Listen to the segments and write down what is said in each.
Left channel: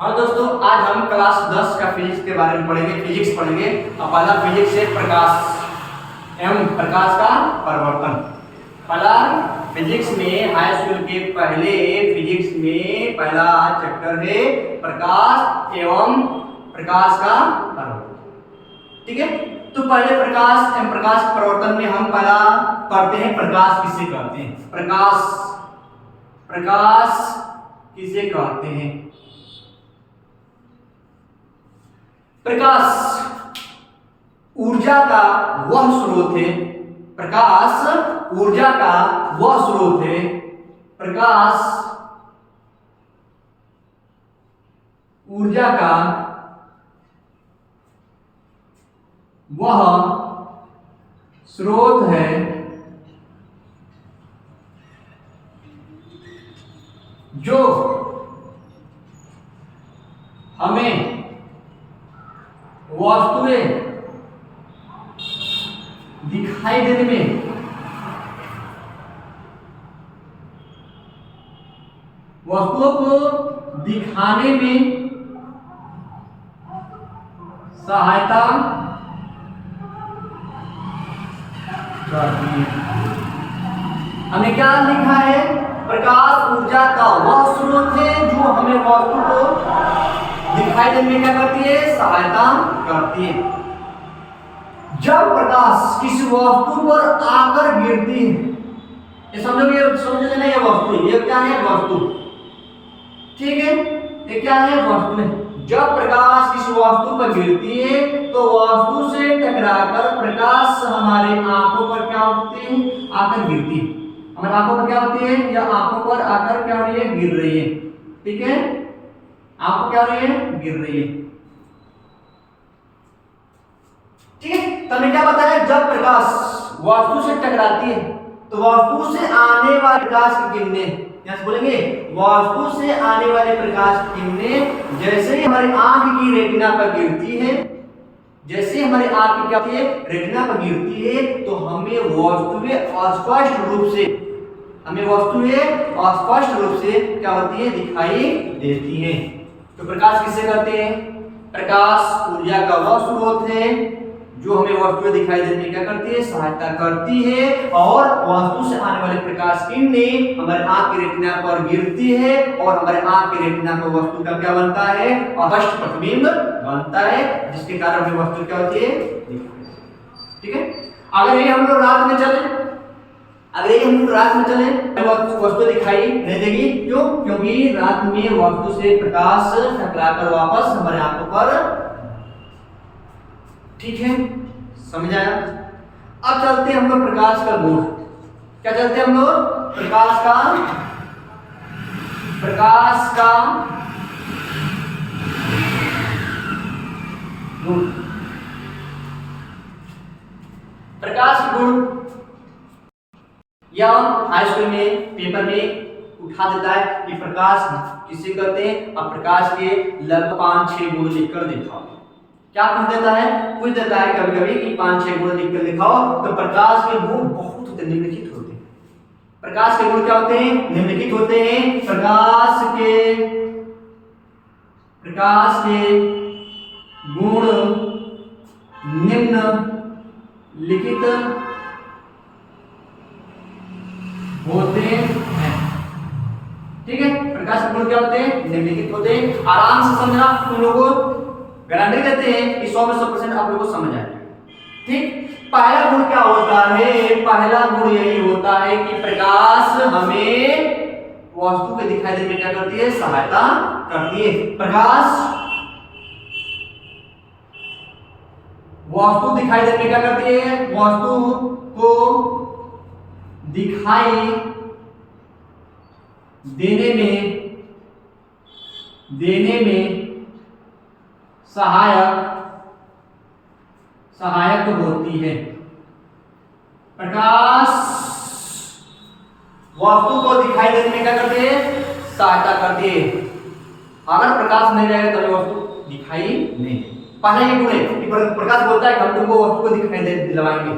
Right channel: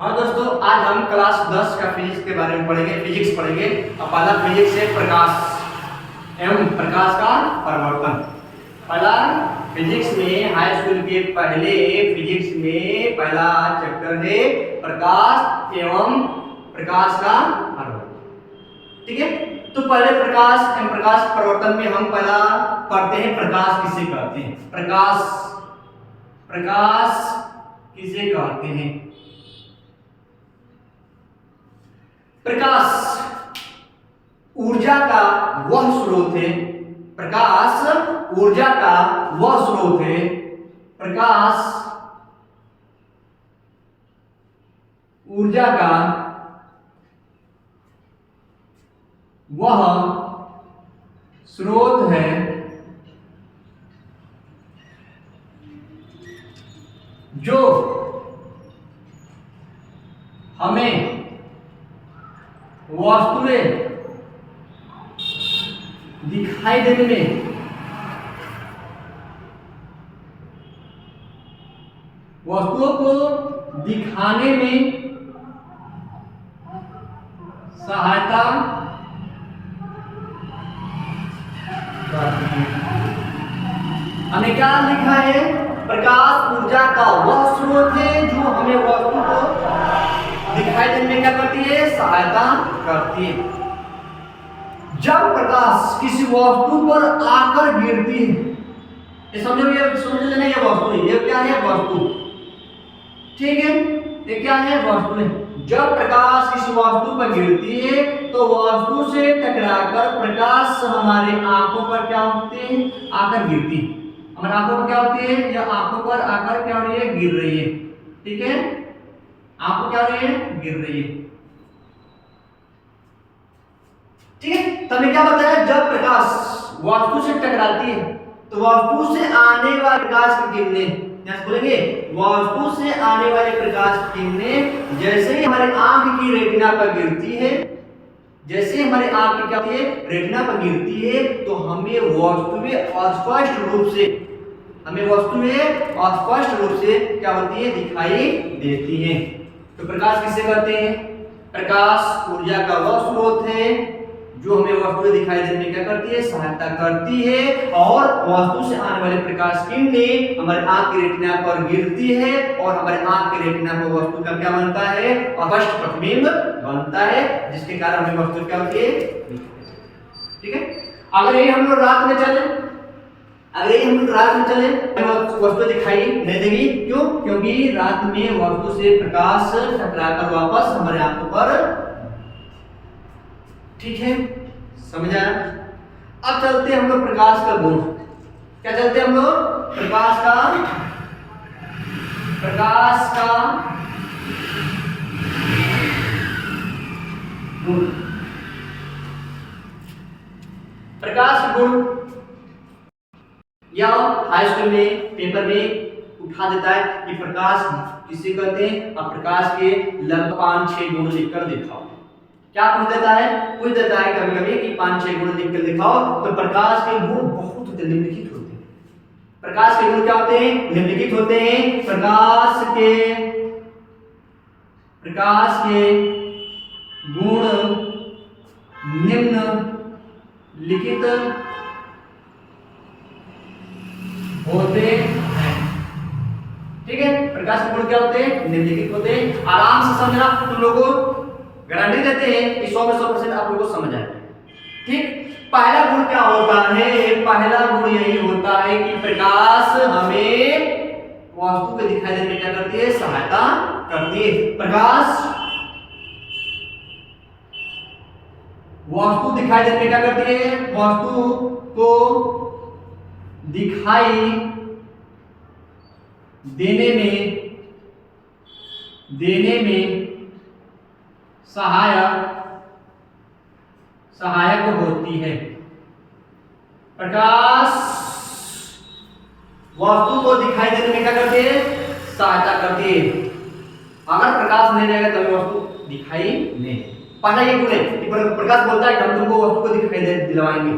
हाँ दोस्तों, आज हम क्लास 10 का फिजिक्स के बारे में पढ़ेंगे। फिजिक्स पढ़ेंगे। अब पहला फिजिक्स है प्रकाश एवं प्रकाश का परिवर्तन। पहला फिजिक्स में हाई स्कूल के पहले फिजिक्स में पहला चैप्टर है प्रकाश एवं प्रकाश का परिवर्तन। ठीक है, तो पहले प्रकाश एवं प्रकाश परिवर्तन में हम पहला पढ़ते हैं प्रकाश किसे कहते हैं। प्रकाश किसे कहते हैं। प्रकाश ऊर्जा का वह स्रोत है। प्रकाश ऊर्जा का वह स्रोत है। प्रकाश ऊर्जा का वह स्रोत है जो हमें वस्तुएं दिखाई देने में वस्तुओं को दिखाने में सहायता करती है। हमने क्या लिखा है? प्रकाश ऊर्जा का वह स्रोत है जो हमें वस्तु को दिखाई देने में क्या करती है? सहायता करती है। जब प्रकाश किसी वस्तु पर आकर गिरती है, ये समझो, ये समझ लेना, ये वस्तु है। ये क्या है? वस्तु। ठीक है, ये क्या है? वस्तु है। जब प्रकाश किसी वस्तु पर गिरती है तो वस्तु से टकराकर प्रकाश हमारे आंखों पर क्या होते हैं? आकर गिरती है। हमारे आंखों पर क्या होती है? या आंखों पर आकर क्या हो रही है? गिर रही है। ठीक है, आंखों क्या हो रही है? गिर रही है। ठीक है, तो हमने क्या बताया? जब प्रकाश वस्तु से टकराती है तो वस्तु से आने वाले प्रकाश की किरणें, यहां से बोलेंगे वस्तु से आने वाले प्रकाश की किरणें जैसे ही हमारे आंख की रेटिना पर गिरती है, जैसे हमारे आंख की क्या होती है? रेटिना पर गिरती है, तो हमें वस्तुएं अस्पष्ट रूप से क्या होती है? दिखाई देती है। तो प्रकाश किसे कहते हैं? प्रकाश ऊर्जा का वह स्रोत है जो हमें वस्तुएं दिखाई देने में क्या करती है? सहायता करती है। और वस्तु से आने वाले प्रकाश किरणें हमारे आंख की रेटिना पर गिरती है और हमारे आंख की रेटिना पर वस्तु का क्या बनता है? स्पष्ट प्रतिबिंब बनता है, जिसके कारण हमें वस्तु क्या होती है? ठीक है, अगर ये हम लोग रात में चले वस्तु दिखाई नहीं देगी। क्यों? क्योंकि रात में वस्तु से प्रकाश टकराकर वापस हमारे आंखों पर। ठीक है, समझ आया? अब चलते हैं हम लोग प्रकाश का गुण। क्या चलते हैं हम लोग? प्रकाश का गुण। प्रकाश के गुण या हाई स्कूल में पेपर में उठा देता है कि प्रकाश किसे कहते हैं। अब प्रकाश के लगभग 5-6 गुण लिखकर दिखाओ। क्या पूछ देता है? कभी कभी कि 5-6 गुण लिखकर दिखाओ। तो प्रकाश के गुण बहुत निम्नलिखित होते हैं। प्रकाश के गुण क्या होते हैं? निम्नलिखित होते हैं। प्रकाश के गुण निम्नलिखित होते हैं। ठीक है, प्रकाश के गुण क्या होते हैं? निम्नलिखित होते हैं। आराम से समझना, तुम लोगों को गारंटी देते हैं कि 100 में 100% आप लोगों को समझ आएगा। ठीक, पहला गुण क्या होता है? पहला गुण यही होता है कि प्रकाश हमें वस्तु को दिखाई देने में क्या करती है? सहायता करती है। प्रकाश वस्तु दिखाई देने में क्या करती है? वस्तु को दिखाई देने में सहायक होती है। प्रकाश वस्तु को दिखाई देने में क्या करती है? सहायता करती है। अगर प्रकाश नहीं रहेगा तो वस्तु दिखाई नहीं। पहला ये गुण है कि प्रकाश बोलता है कि हम तुमको वस्तु को दिखाई दिलवाएंगे।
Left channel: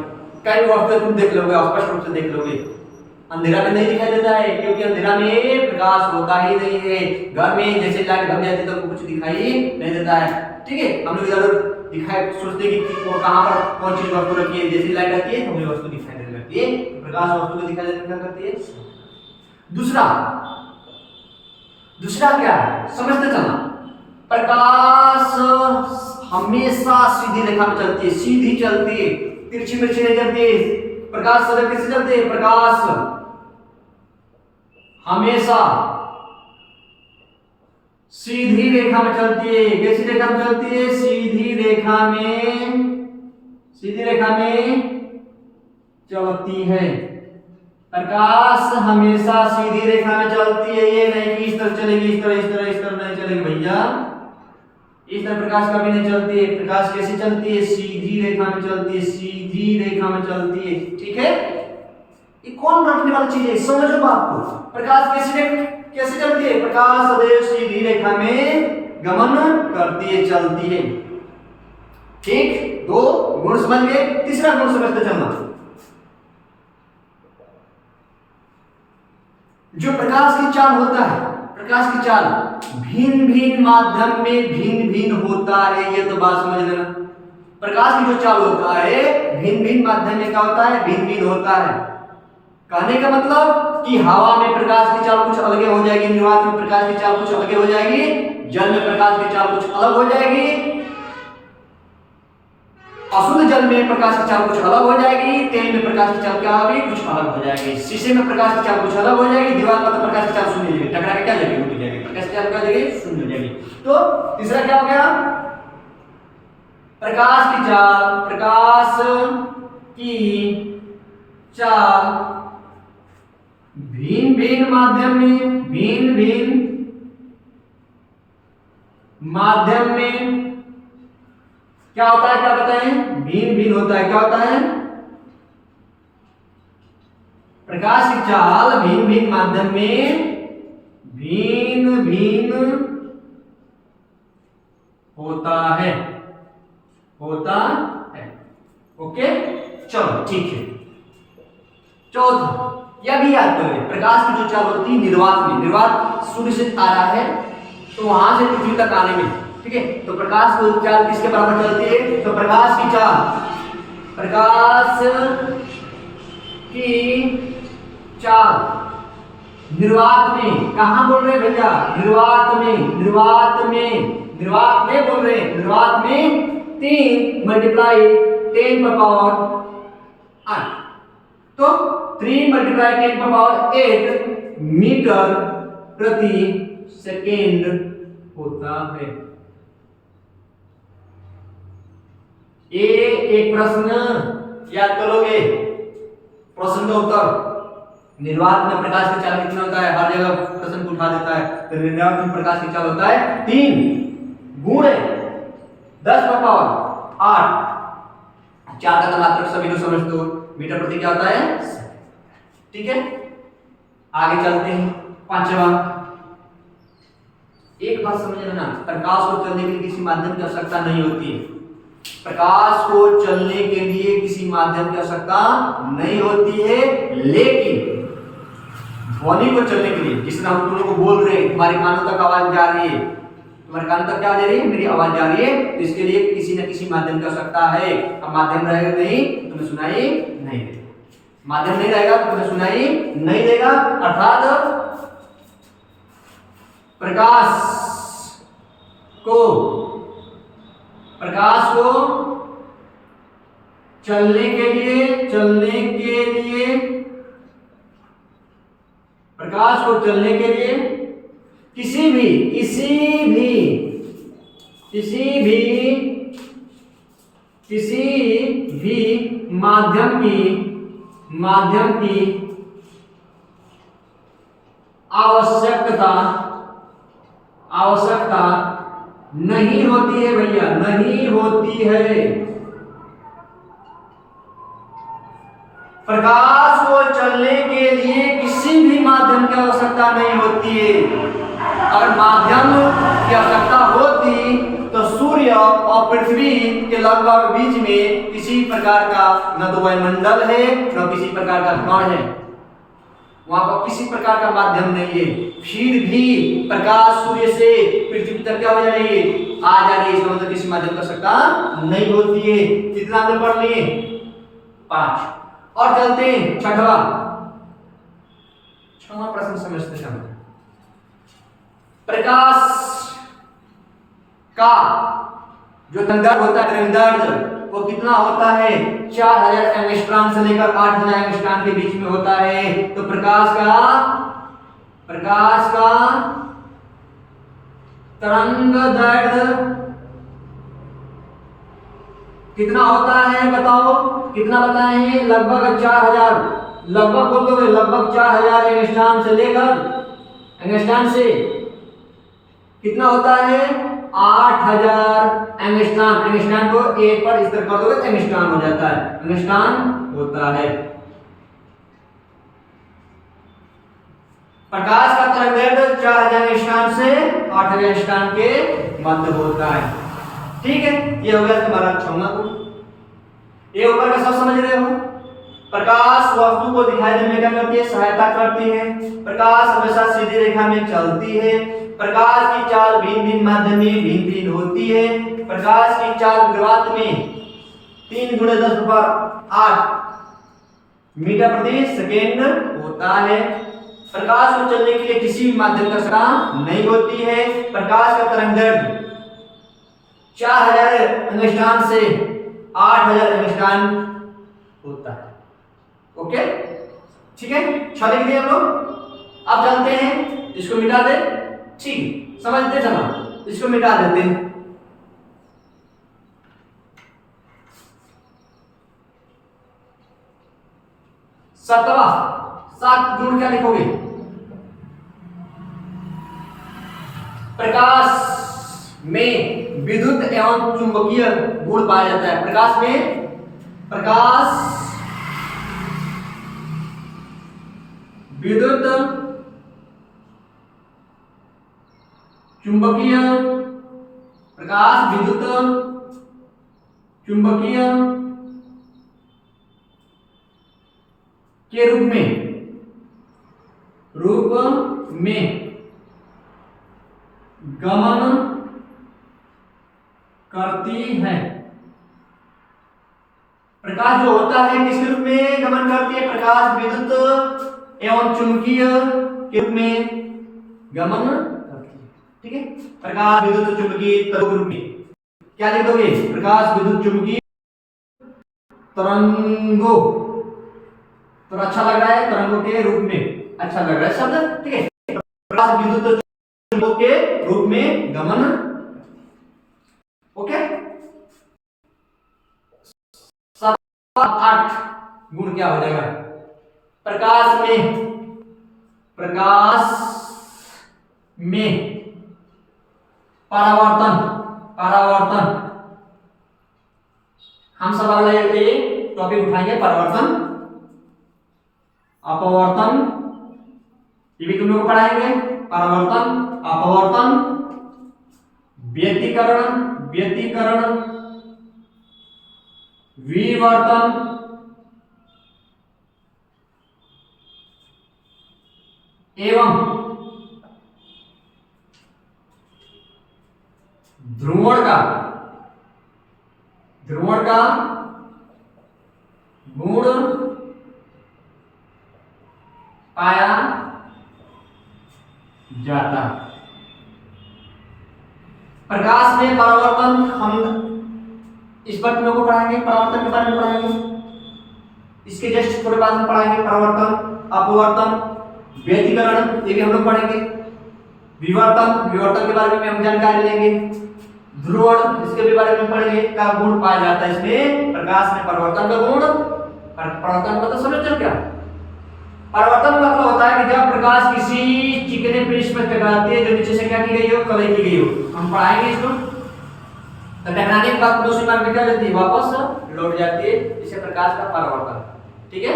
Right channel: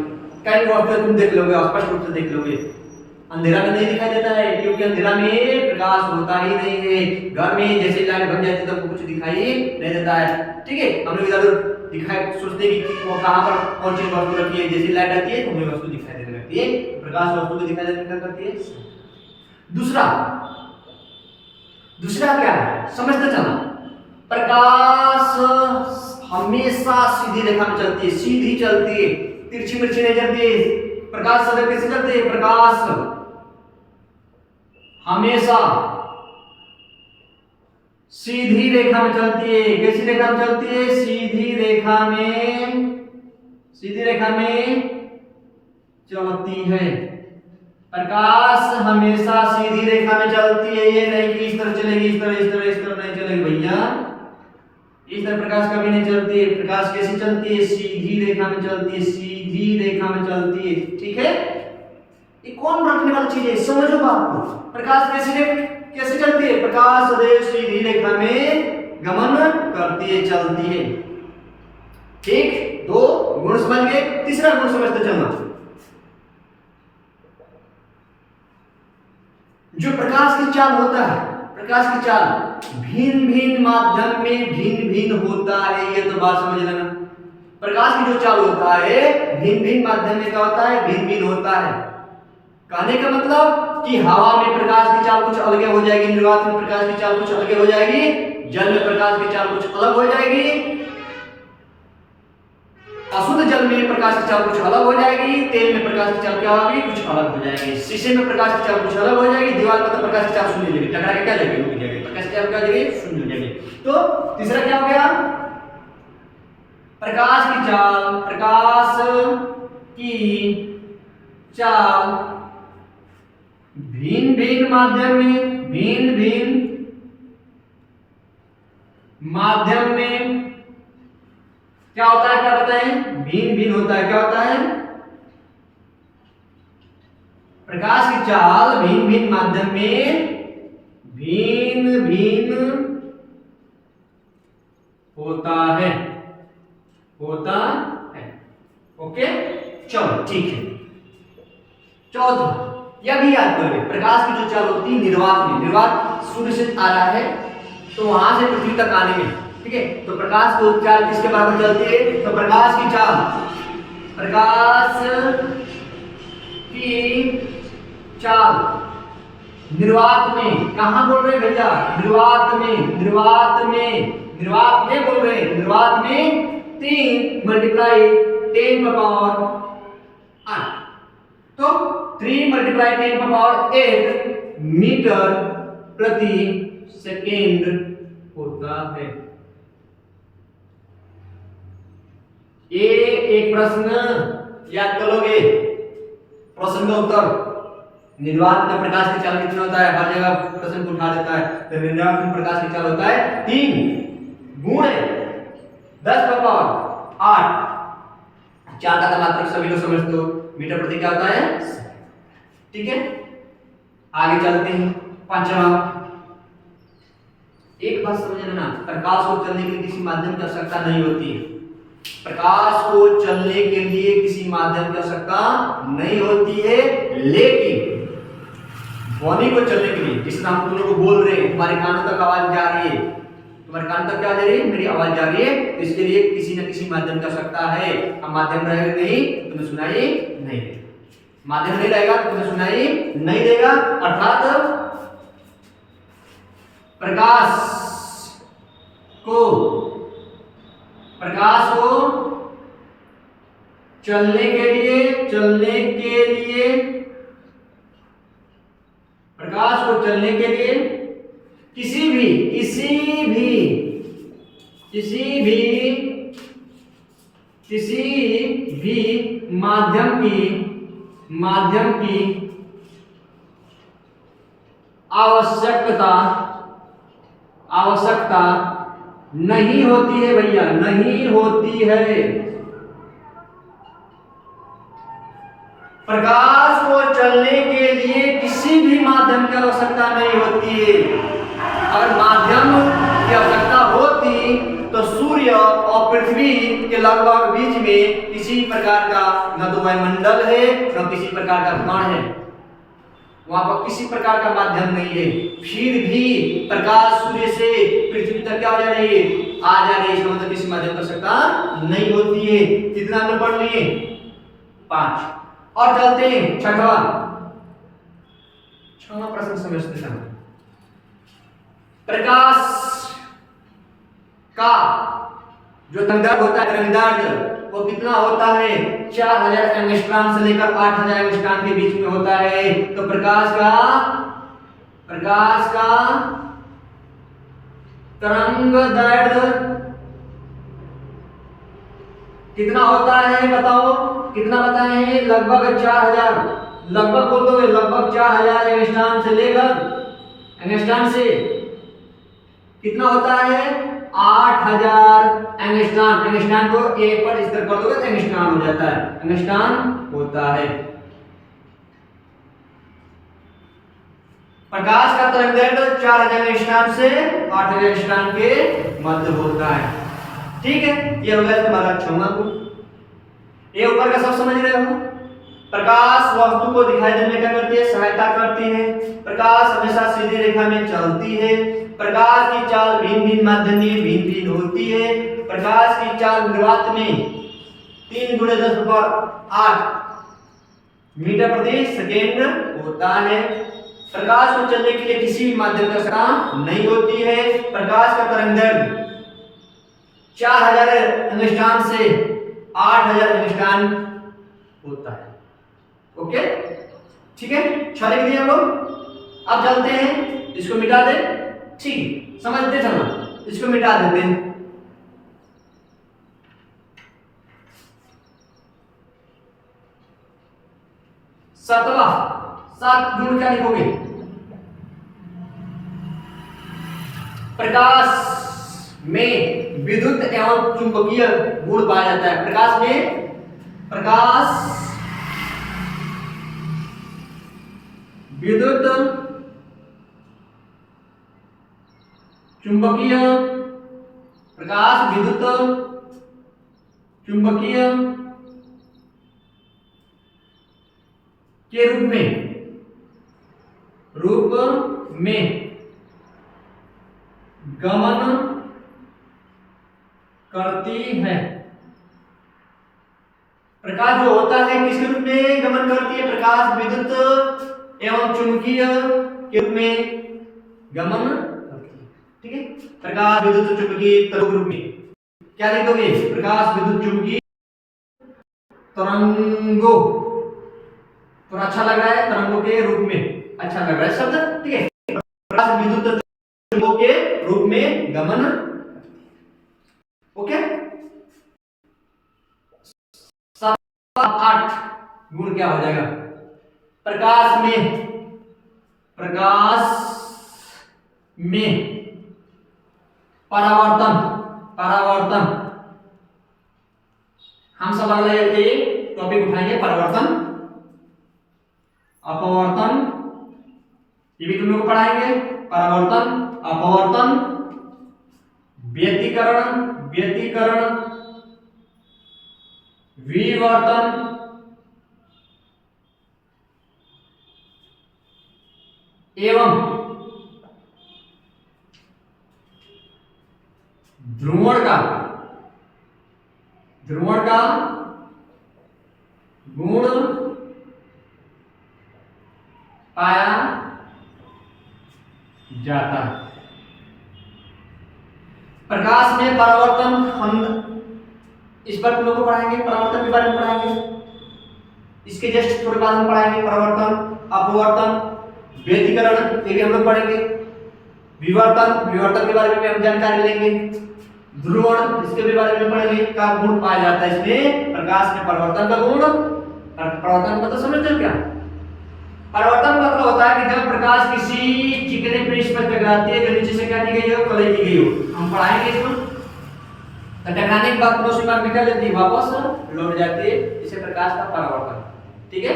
कई वस्तु तुम देख लोगे, स्पष्ट रूप से देख लोगे। अंधेरा में नहीं दिखाई देता है, क्योंकि अंधेरा में प्रकाश होता ही नहीं है। घर में जैसे लाइट भग जाती है तो कुछ दिखाई नहीं देता है। ठीक है, हम लोग इधर दिखाई सोचते हैं कि वो कहाँ पर कौन चीज वस्तु रखी है, जैसी लाइट आती है तो हमें वस्तु दिखाई देने लगती है। प्रकाश वस्तु को दिखाई देने क्या करती है। दूसरा क्या है, समझते चलना। प्रकाश हमेशा सीधी रेखा में चलती है, सीधी चलती है, तिरछी मिर्ची नहीं चलती है। प्रकाश सदैव कैसे चलते हैं, प्रकाश हमेशा सीधी रेखा में चलती है। कैसी रेखा में चलती है, सीधी रेखा में चलती है। प्रकाश हमेशा सीधी रेखा में चलती है, ये नहीं कि इस तरह चलेगी, इस तरह नहीं चलेगी भैया, इस तरह प्रकाश कभी नहीं चलती है। प्रकाश कैसे चलती है, सीधी रेखा में चलती है, सीधी रेखा में चलती है। ठीक है, ये कौन रखने वाली चीज है, समझो बात को। प्रकाश कैसे चलती है, प्रकाश सदैव सीधी रेखा में गमन करती है, चलती है। ठीक, 2 गुण समझ गए। तीसरा गुण समझते चलना। जो प्रकाश की चाल होता है, प्रकाश की चाल भिन्न भिन्न माध्यम में भिन्न भिन्न होता है, ये तो बात समझ लेना। प्रकाश की जो चाल होता है भिन्न भिन्न माध्यम में क्या होता है, भिन्न भिन्न होता है। कहने का मतलब कि हवा में प्रकाश की चाल कुछ अलग हो जाएगी, निर्वात में प्रकाश की चाल कुछ अलग हो जाएगी, जल में प्रकाश की चाल कुछ अलग हो जाएगी, अशुद्ध जल में प्रकाश की चाल कुछ अलग हो जाएगी, तेल में प्रकाश की चाल क्या होगी, कुछ अलग हो जाएगी, शीशे में प्रकाश की चाल कुछ अलग हो जाएगी, दीवार पर तो प्रकाश की चाल शून्य हो जाएगी, टकरा के क्या जाएगी, उड़ जाएगी, प्रकाश की चाल क्या हो जाएगी, शून्य हो जाएगी। तो तीसरा क्या हो गया, प्रकाश की चाल भिन्न भिन्न माध्यम में क्या होता है, क्या बताएं, भिन्न भिन्न होता है। क्या होता है, प्रकाश की चाल भिन्न भिन्न माध्यम में भिन्न भिन्न होता है। ओके, चलो ठीक है। चौथा, यह भी याद करोगे, प्रकाश की जो चाल होती है निर्वात में, निर्वात सूर्य से आ रहा है तो वहां से पृथ्वी तक आने में, ठीक है, तो प्रकाश की चाल किसके बराबर चलती है, तो प्रकाश की चाल निर्वात में, कहां बोल रहे हैं भैया, निर्वात में बोल रहे हैं, निर्वात में 3 मल्टीप्लाई 10 पर पावर 8, तो 3 मल्टीप्लाई 10 पर पावर 8 मीटर प्रति सेकेंड होता है। ये एक प्रश्न याद करोगे, प्रश्न का उत्तर, निर्वात में प्रकाश की चाल कितना होता है, हर जगह प्रश्न को उठा देता है, तो निर्वात में प्रकाश की चाल होता है 3 गुणे 10 पर पावर 8, 4 का मात्रक सभी लोग समझ दो, मीटर प्रति क्या होता है, ठीक है। आगे चलते हैं, 5वां, एक बात समझ लेना, प्रकाश को चलने के लिए किसी माध्यम की आवश्यकता नहीं होती है। प्रकाश को चलने के लिए किसी माध्यम की आवश्यकता नहीं होती है, लेकिन ध्वनि को चलने के लिए, जिस हम तुम लोग को बोल रहे हैं, तुम्हारे कानों तक आवाज जा रही है, तुम्हारे कान तक क्या जा रही है, मेरी आवाज जा रही है, तो इसके लिए किसी न किसी माध्यम की आवश्यकता है। अब माध्यम रहेगा नहीं तुम्हें सुनाई नहीं देगा, माध्यम नहीं रहेगा तो तुम्हें सुनाई नहीं देगा, अर्थात प्रकाश को चलने के लिए प्रकाश को चलने के लिए किसी भी माध्यम की आवश्यकता नहीं होती है भैया, नहीं होती है। प्रकाश को चलने के लिए किसी भी माध्यम की आवश्यकता नहीं होती है। अगर माध्यम की आवश्यकता होती तो सूर्य और पृथ्वी के लगभग बीच में किसी प्रकार का न तो वायुमंडल है न किसी प्रकार का कण है, वहां पर किसी प्रकार का माध्यम नहीं है, फिर भी प्रकाश सूर्य से पृथ्वी तक क्या हो जा रही है, आ जा रही है, इसका मतलब किसी माध्यम कर सकता नहीं होती है। कितना हमने पढ़ लिए, 5। और चलते हैं छठवां प्रश्न समझते हैं। प्रकाश का जो तरंगदैर्घ्य होता है, तरंगदैर्घ्य वो कितना होता है, 4000 एंगस्ट्रॉम से लेकर 8000 एंगस्ट्रॉम के बीच में होता है। तो प्रकाश का तरंगदैर्घ्य कितना होता है, बताओ कितना बताए हैं, लगभग 4000, लगभग बोल दो, लगभग 4000 एंगस्ट्रॉम से लेकर, एंगस्ट्रॉम से कितना होता है, 8000 एंगस्ट्रॉम। एंगस्ट्रॉम को 1 पर इस तरह कर दोगे तो एंगस्ट्रॉम हो जाता है, एंगस्ट्रॉम होता है। प्रकाश का तरंगदैर्घ्य 4000 एंगस्ट्रॉम से 8000 एंगस्ट्रॉम के मध्य होता है। ठीक है, ये हो गया तुम्हारा 6वां गुण। ये ऊपर का सब समझ रहे हो। प्रकाश वस्तु को दिखाई देने में क्या करती है, सहायता करती है। प्रकाश हमेशा सीधी रेखा में चलती है। प्रकाश की चाल भिन्न भिन्न माध्यम में भिन्न भिन्न होती है। प्रकाश की चाल ग्रात में 3 × 10⁸ मीटर प्रति सेकेंड होता है। प्रकाश को चलने के लिए किसी भी माध्यम का आवश्यकता नहीं होती है। प्रकाश का तरंगदैर्घ्य 4000 एंगस्ट्रॉम से 8000 एंगस्ट्रॉम होता है। ओके, ठीक है, 6 लिख दिए हम लोग। अब चलते हैं, इसको मिटा दे, ठीक, समझते चलो, इसको मिटा देते हैं। 7 गुण क्या लिखोगे, प्रकाश में विद्युत एवं चुंबकीय गुण पाया जाता है। प्रकाश में, प्रकाश विद्युत चुंबकीय, प्रकाश विद्युत चुंबकीय के रूप में गमन करती है। प्रकाश जो होता है किस रूप में गमन करती है, प्रकाश विद्युत एवं चुंबकीय के रूप में गमन करती है। ठीक है, प्रकाश विद्युत चुंबकीय तरंगों के रूप में क्या लिख दोगे, प्रकाश विद्युत चुंबकीय तरंगों, तो अच्छा लग रहा है, तरंगों के रूप में अच्छा लग रहा है शब्द। ठीक है, प्रकाश विद्युत चुंबकों के रूप में गमन। ओके, 8 गुण क्या हो जाएगा, प्रकाश में परावर्तन हम सब अगले टॉपिक उठाएंगे, परावर्तन, अपवर्तन, ये भी तुम लोग को पढ़ाएंगे। परावर्तन, अपवर्तन, व्यतिकरण, विवर्तन, एवं ध्रुवण का गुण पाया जाता। प्रकाश में परावर्तन हम इस पर तुम लोग को पढ़ाएंगे, परावर्तन के बारे में पढ़ाएंगे, इसके जस्ट थोड़े बाद हम पढ़ाएंगे परावर्तन, अपवर्तन, व्यतिकरण, ये भी हम लोग पढ़ेंगे। विवर्तन के बारे में हम जानकारी लेंगे। ध्रुवण, इसके भी बारे में पढ़ेंगे, का गुण पाया जाता है इसमें, प्रकाश में परिवर्तन का गुण। परिवर्तन मतलब समझते हो क्या, परिवर्तन मतलब होता है कि जब प्रकाश किसी चिकने पृष्ठ पर टकराती है जो नीचे से क्या की गई हो, कलई की गई हो। हम पढ़ाएंगे इसमें, तो टकराने के बाद दूसरी बार निकल जाती है, वापस लौट जाती है, इसे प्रकाश का परावर्तन। ठीक है,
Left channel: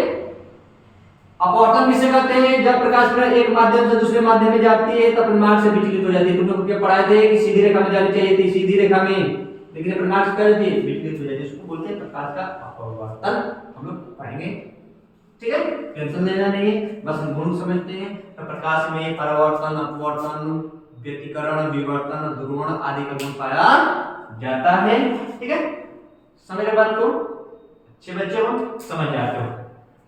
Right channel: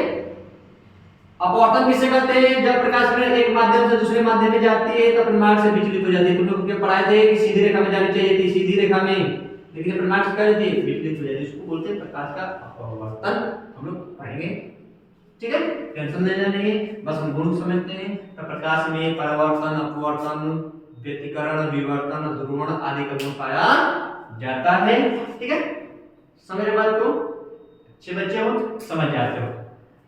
अपवर्तन किसे कहते हैं, जब प्रकाश किरण एक माध्यम से दूसरे माध्यम में जाती है तो परिमाण से विचलित हो जाती है। तुम लोग क्या पढ़ाए थे कि सीधी रेखा में जानी चाहिए थी, सीधी रेखा में, लेकिन परिमाण से क्या होती है, विचलित हो जाती है, इसको बोलते हैं प्रकाश का अपवर्तन। हम लोग पढ़ेंगे। ठीक है, टेंशन लेना नहीं है, बस हम गुण समझते हैं। तो प्रकाश में परावर्तन, अपवर्तन, व्यतिकरण, विवर्तन, ध्रुवण आदि का गुण पाया जाता है। ठीक है, समझ रहे बात को? अच्छे बच्चे हो, समझ जाते हो।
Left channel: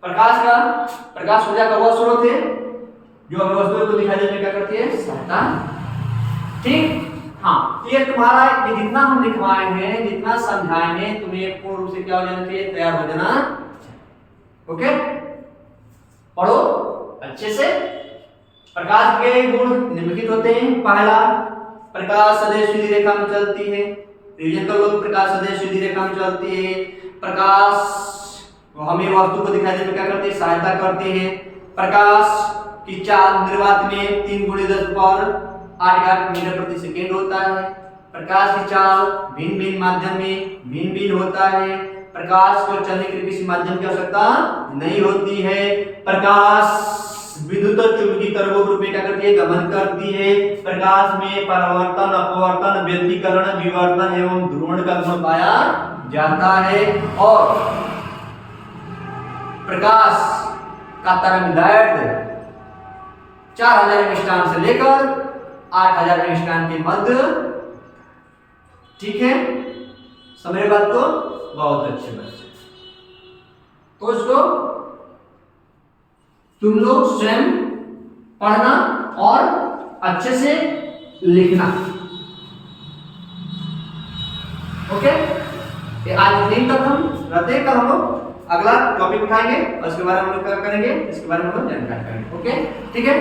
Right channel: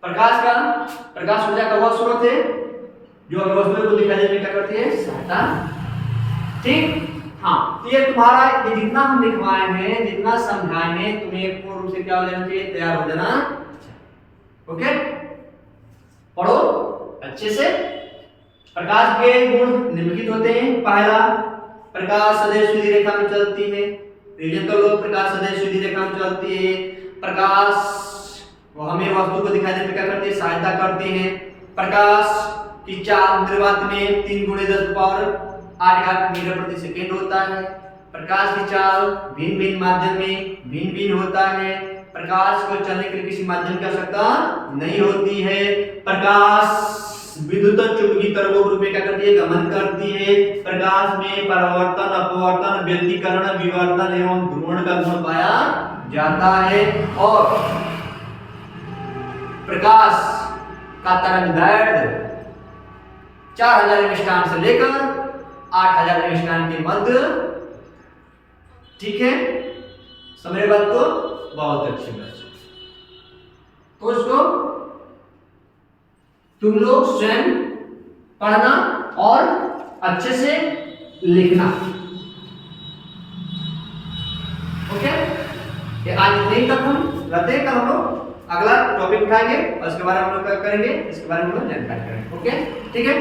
प्रकाश ऊर्जा का वह स्रोत है जो हमें वस्तुओं को दिखाई देने में क्या करती है, सहायता। ठीक, हाँ, ये तुम्हारा ये जितना हम लिखवाए हैं, जितना समझाए हैं, तुम्हें पूर्ण रूप से क्या हो जाना चाहिए, तैयार हो जाना। ओके, पढ़ो अच्छे से। प्रकाश के गुण निम्नलिखित होते हैं। पहला, प्रकाश सदैव सीधी रेखा में चलती है। रिवीजन कर लो, प्रकाश सदैव सीधी रेखा में चलती है। प्रकाश हमें वस्तु को दिखाई देने में क्या करती है, सहायता करती है। प्रकाश की चाल निर्वात में 3 × 10⁸ मीटर प्रति सेकेंड होता है। प्रकाश की चाल भिन्न भिन्न माध्यम में भिन्न भिन्न होता है। प्रकाश को चलने के लिए किसी माध्यम की आवश्यकता नहीं होती है। प्रकाश विद्युत चुंबकीय तरंगों के रूप में क्या करती है, गमन करती है। प्रकाश में परावर्तन, अपवर्तन, व्यतिकरण, विवर्तन एवं ध्रुवण का गुण पाया जाता है। और प्रकाश का तरंगदैर्घ्य 4000 एंगस्ट्रॉम से लेकर 8000 एंगस्ट्रॉम के मध्य। ठीक है, समझ बात को? बहुत अच्छे बच्चे। तो इसको तुम लोग स्वयं पढ़ना और अच्छे से लिखना। ओके, ये आज इतने तक हम रहते हैं। कल हम लोग अगला टॉपिक उठाएंगे और इसके बारे में हम लोग क्या करेंगे, इसके बारे में हम लोग जानकारी करेंगे। ओके, ठीक है।